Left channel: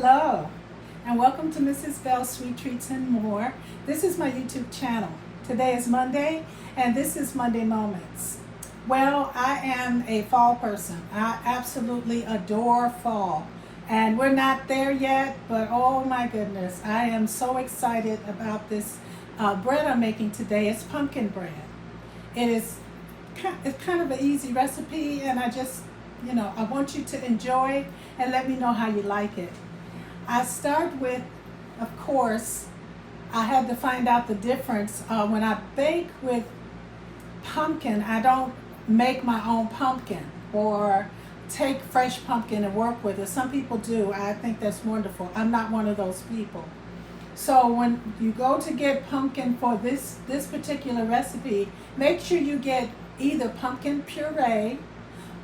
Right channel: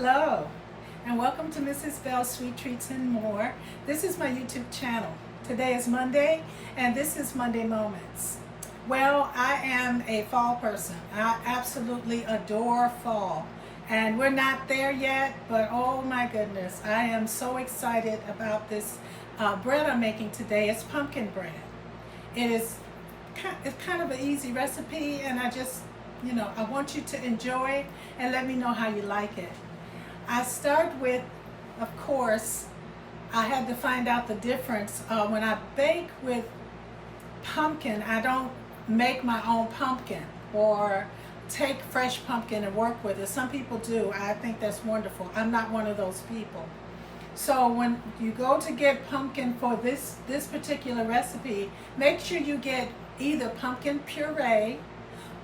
Hello, and welcome to Mrs. Bell's Sweet Treats and More. This is my YouTube channel. Today is Monday, and this is Monday Moments. Well, I am a fall person. I absolutely adore fall. And we're not there yet, but oh my goodness, I am so excited about this bread I'm making today. It's pumpkin bread. It's kind of an easy recipe, and I want you to enjoy and let me know how you like it. I start with, of course, I had to find out the difference. When I bake with pumpkin, I don't make my own pumpkin or take fresh pumpkin and work with it. Some people do. I think that's wonderful. I'm not one of those people. So when you go to get pumpkin for this particular recipe, make sure you get either pumpkin puree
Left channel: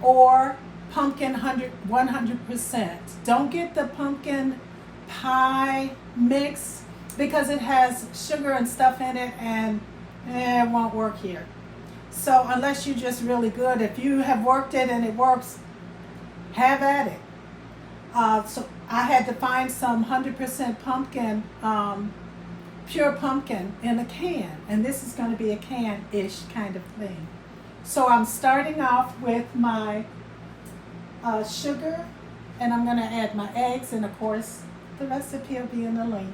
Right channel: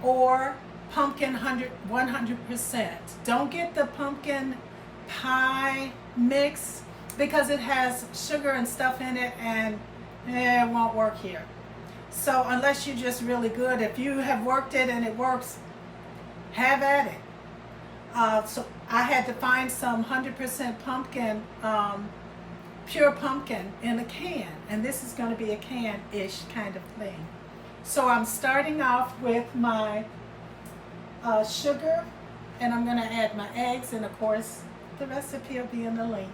or pumpkin 100%. Don't get the pumpkin pie mix because it has sugar and stuff in it, and it won't work here. So unless you're just really good, if you have worked it and it works, have at it. So I had to find some 100% pumpkin, pure pumpkin in a can, and this is going to be a can-ish kind of thing. So I'm starting off with my sugar, and I'm going to add my eggs, and of course the recipe will be in the link.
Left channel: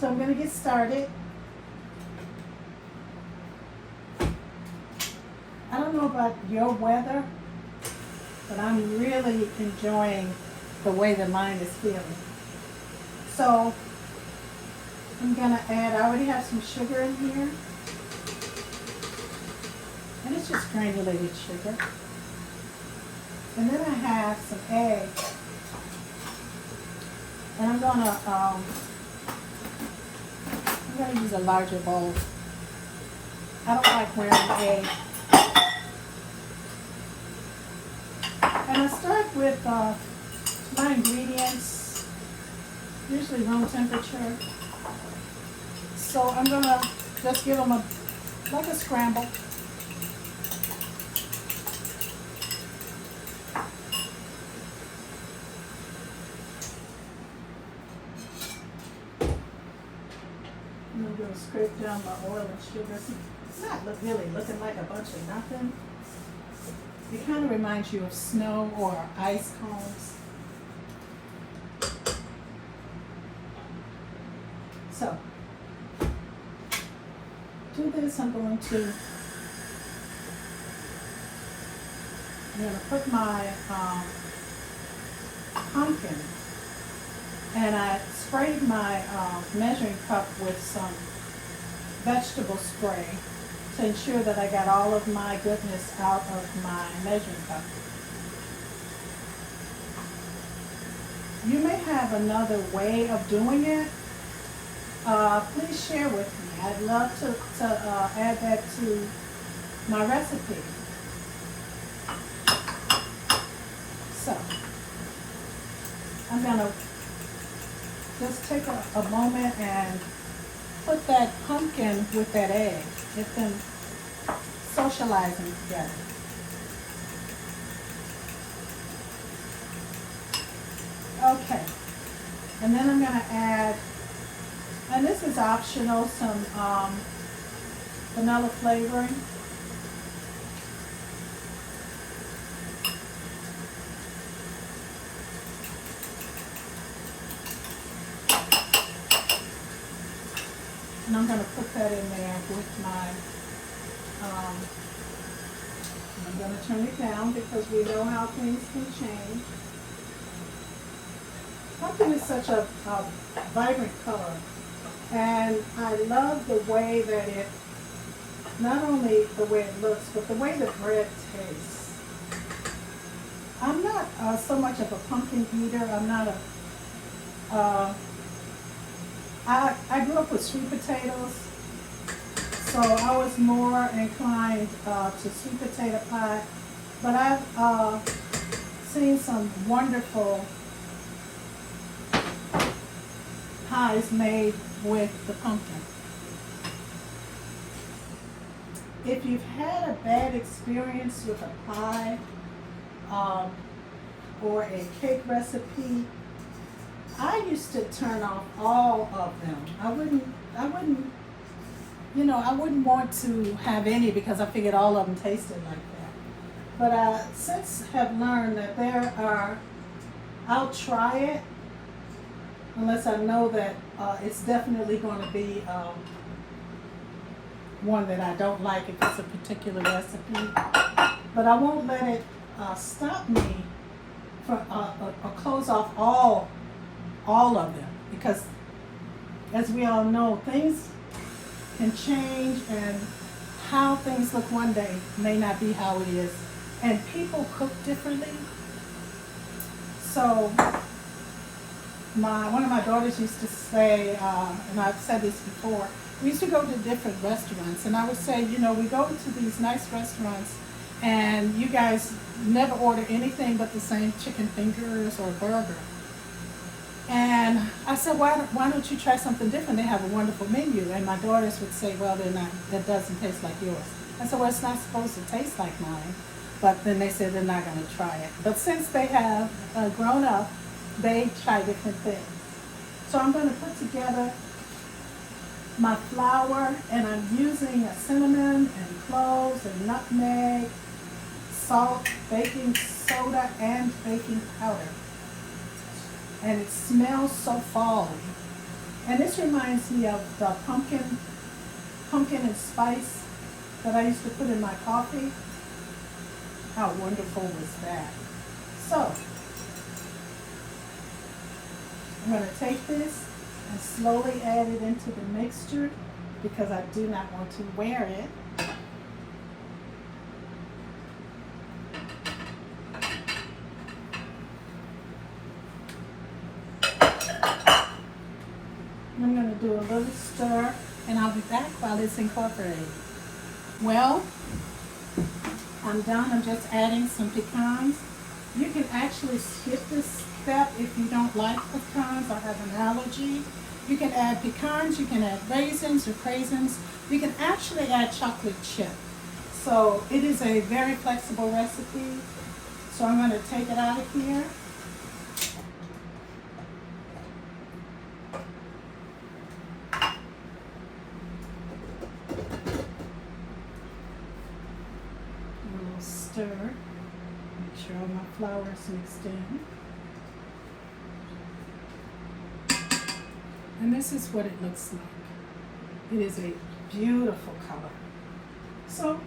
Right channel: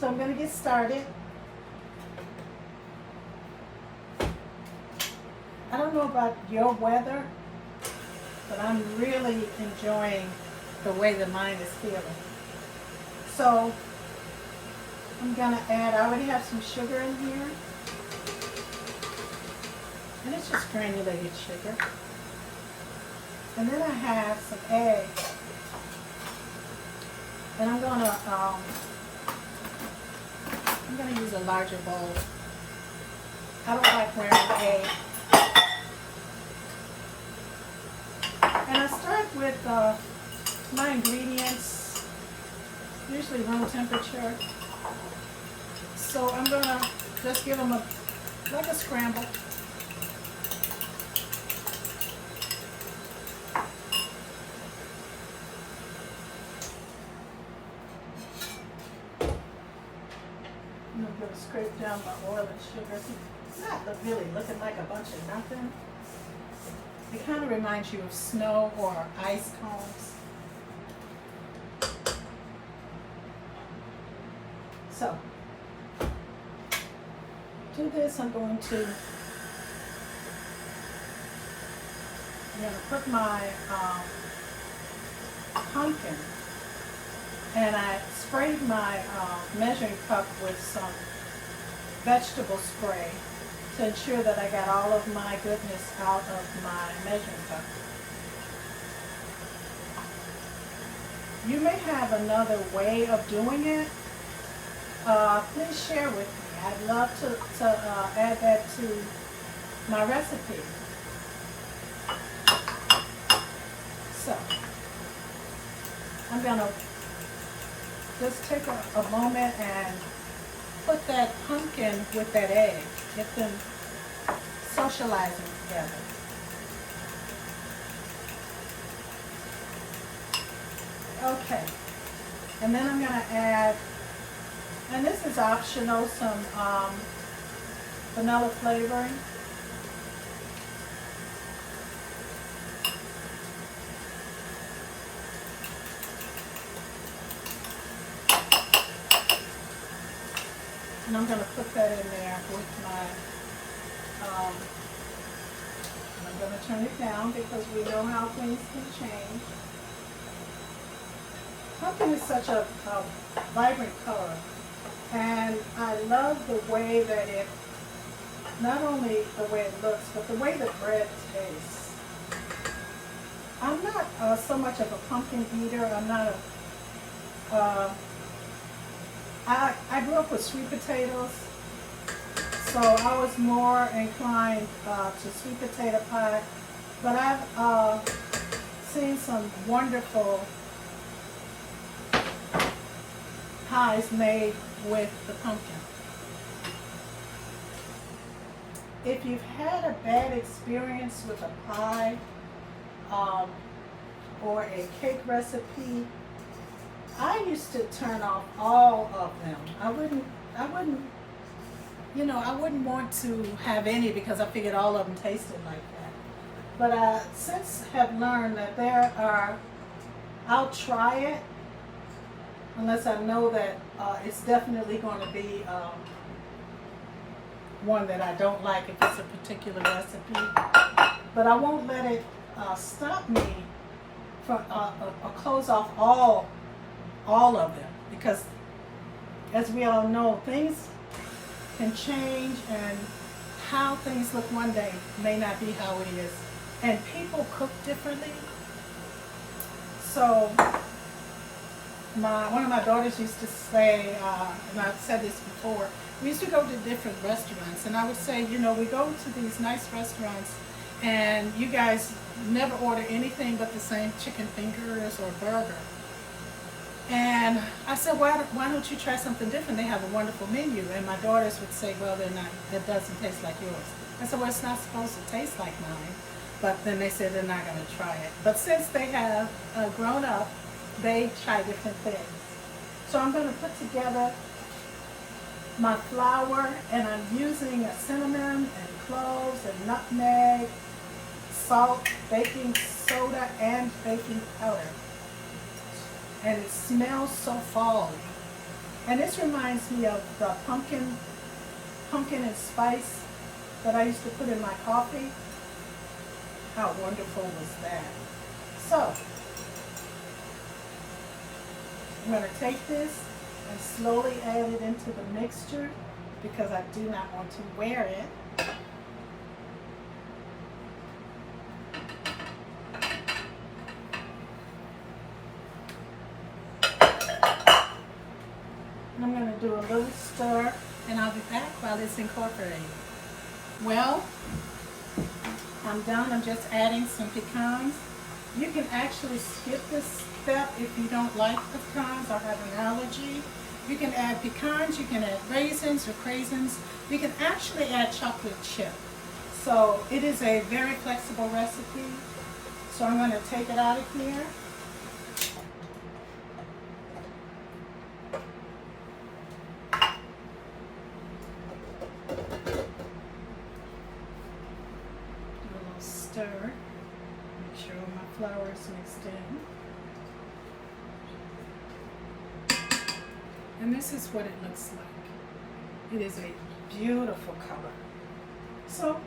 So I'm going to get started. I don't know about your weather, but I'm really enjoying the way that mine is feeling. So I'm going to add, I already have some sugar in here, and it's just granulated sugar. And then I have some eggs, and I'm gonna use a larger bowl. I don't like wearing egg. And I start with my ingredients, usually room temperature. So I'm gonna just give them like a scramble. I'm going to scrape down my oil and sugar. It's not really looking like a bunch of nothing. It kind of reminds you of snow or ice cones. So, do this. I'm going to put my pumpkin, and I sprayed my measuring cup with some vegetable spray to ensure that I got all of my goodness out of my measuring cup. You may have another way of doing it. Please share with me. I'd love to add that to my recipe. So, I'm going to just take a moment and put that pumpkin with that egg. Get them socializing together. Okay. And then I'm going to add, and this is optional, some vanilla flavoring. And I'm going to put that in there with my, I'm going to turn it down because we know how things can change. Pumpkin is such a vibrant color, and I love the way that it, not only the way it looks, but the way the bread tastes. I'm not so much of a pumpkin eater. I'm not a, I grew up with sweet potatoes, so I was more inclined to sweet potato pie, but I've seen some wonderful pies made with the pumpkin. If you've had a bad experience with a pie or a cake recipe, I used to turn off all of them. I wouldn't, I wouldn't want to have any because I figured all of them tasted like that. But I since have learned that I'll try it unless I know that it's definitely going to be one that I don't like if it's a particular recipe. But I won't let it stop me from or close off all of them, because as we all know, things can change, and how things look one day may not be how it is, and people cook differently. So one of my daughters used to say, and I've said this before, we used to go to different restaurants, and I would say, we go to these nice restaurants and you guys never order anything but the same chicken fingers or burger. And I said, why don't you try something different? They have a wonderful menu. And my daughters would say, well, that doesn't taste like yours. I said, well, it's not supposed to taste like mine. But then they said they're not going to try it. But since they have grown up, they try different things. So I'm going to put together my flour, and I'm using a cinnamon and cloves and nutmeg, salt, baking soda, and baking powder. And it smells so fall-y. And this reminds me of the pumpkin and spice that I used to put in my coffee. How wonderful was that? So, I'm going to take this and slowly add it into the mixture because I do not want to wear it. And I'm going to do a little stir, and I'll be back while it's incorporated. Well, I'm done. I'm just adding some pecans. You can actually skip this step if you don't like pecans or have an allergy. You can add pecans, you can add raisins or craisins. You can actually add chocolate chip. So it is a very flexible recipe. So I'm going to take it out of here. Do a little stir. Make sure all my flour is mixed in. And this is what it looks like. It is a beautiful color. So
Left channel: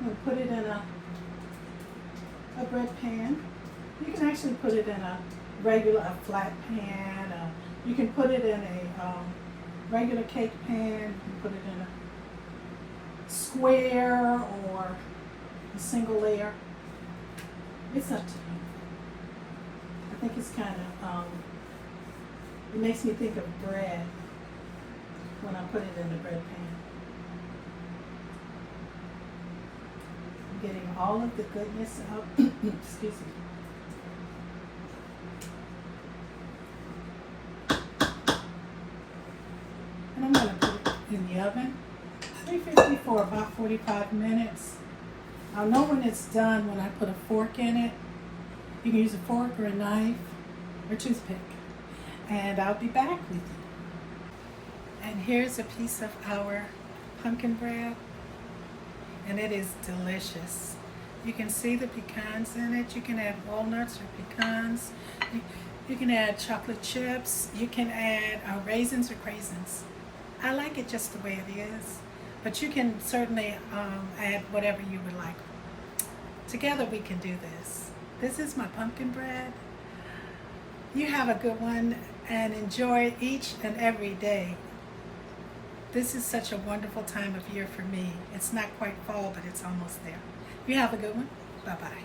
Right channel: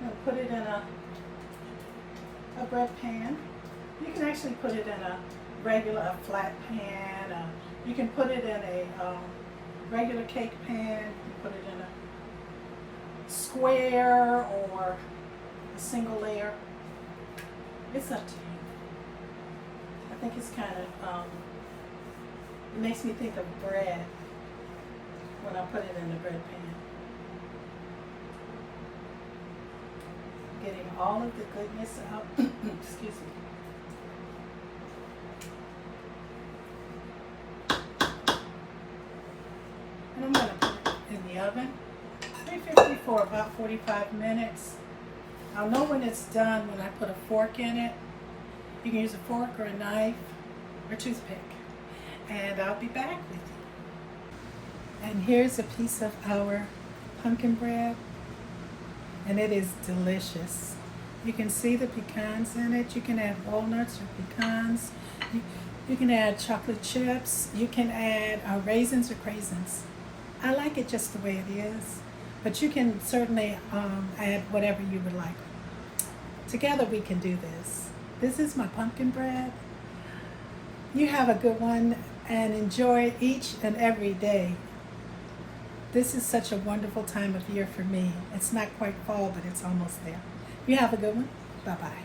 I'm going to put it in a bread pan. You can actually put it in a flat pan. You can put it in a regular cake pan. You can put it in a square or a single layer. It's up to you. I think it's kind of it makes me think of bread when I put it in the bread pan. I'm getting all of the goodness out. Excuse me. And I'm going to put it in the oven, 350 for about 45 minutes. I'll know when it's done when I put a fork in it. You can use a fork or a knife or toothpick. And I'll be back with you. And here's a piece of our pumpkin bread, and it is delicious. You can see the pecans in it. You can add walnuts or pecans. You can add chocolate chips. You can add raisins or craisins. I like it just the way it is, but you can certainly add whatever you would like. Together we can do this. This is my pumpkin bread. You have a good one and enjoy it each and every day. This is such a wonderful time of year for me. It's not quite fall, but it's almost there. You have a good one. Bye-bye.